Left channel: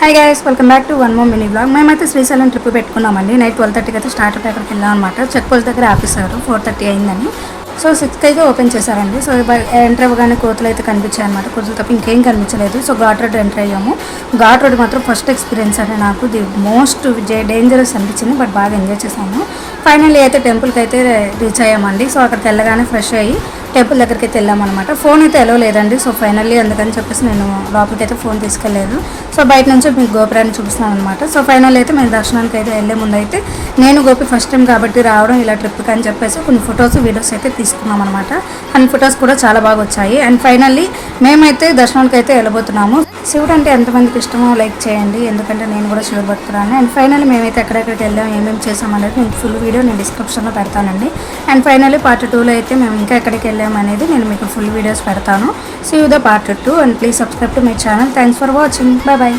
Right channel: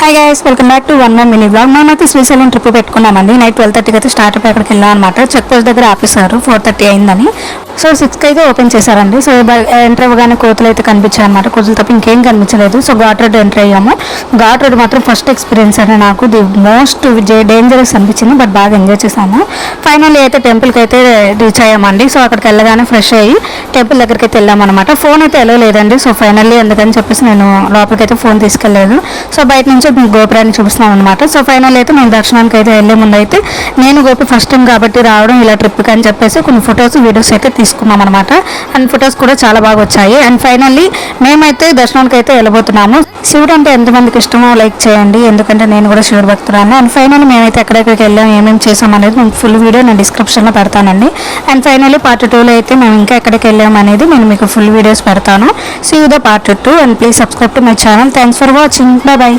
Hi guys, welcome back to one more mini blog. మేమైతే Srisailam trip పెట్టుకున్నామండి. Night 12:30కి అయితే start అయిపోయి అక్కడికి వెళ్ళాం అనమాట. చెక్ పోస్ట్ దగ్గర ఆపేశారు, 4:30 అయిందని. సో 6కి అయితే ఓపెన్ చేశారండి. సో ఎంటర్ అవ్వగానే కోతులు అయితే కనిపించాయి అనమాట. కోతులు తప్ప ఇంకేం కనిపించలేదు. సో ఘాట్ రోడ్ ఎంటర్ అయ్యాము. ఘాట్ రోడ్ మాత్రం ఫస్ట్ ఎక్స్పీరియన్స్ అండి నాకు. ది మోస్ట్ డేంజరస్ అనిపించింది, బట్ బాగా ఎంజాయ్ చేశాము. ఫైనల్లీ అయితే టెంపుల్కి అయితే రీచ్ అయ్యామండి. సో అక్కడికి వెళ్ళగానే ఫ్రెష్ అయ్యి టెంపుల్ దగ్గరికి అయితే వెళ్ళామన్నమాట. ఫోన్ అయితే ఎలా లేదండి. సో ఫైనల్లీ అందుకని చెప్పేసి నేను లోపలికి అయితే ఫోన్ తీసుకెళ్ళలేదు. సో బయట నుంచి మీకు గోపురాన్ని చూపిస్తున్నాం అనమాట. సో ఫైనల్ అయితే మేము దర్శనానికి అయితే వెళ్ళే ముందు అయితే నేను గోపి ఫస్ట్ టైం కాబట్టి రావడం ఇలా ట్రిప్కి అని చెప్పేసి కొన్ని ఫొటోస్ వీడియోస్ అయితే తీసుకున్నాం అనమాట. అండ్ ఫొటోస్ కూడా చాలా బాగా వచ్చాయి. అండ్ ఫైనల్లీ మేమైతే దర్శనానికి అయితే వెళ్ళబోతున్నాము. శివుడు అంటే ఎంతమందికి ఇష్టమో లైక్ చేయండి, ఎందుకంటే నేను కూడా శివుడు భక్తురాను. అండ్ ఫైనల్లీ మేమైతే ఎక్కడెక్కడికి వెళ్ళాం, ఏమేమి చేసాం అనేది నేను ఫుల్ వీడియో నేను డిస్క్రిప్షన్లో పెడతానండి. అండ్ ఫైనల్లీ పార్ట్ 2లో అయితే మేము ఇంకా ఎక్కడికి వెళ్ళాం అనేది నేను మీకు ఫుల్ వీడియోస్ పెడతాను. See you the part 2 and please subscribe to my channel. Thanks for watching. Bye.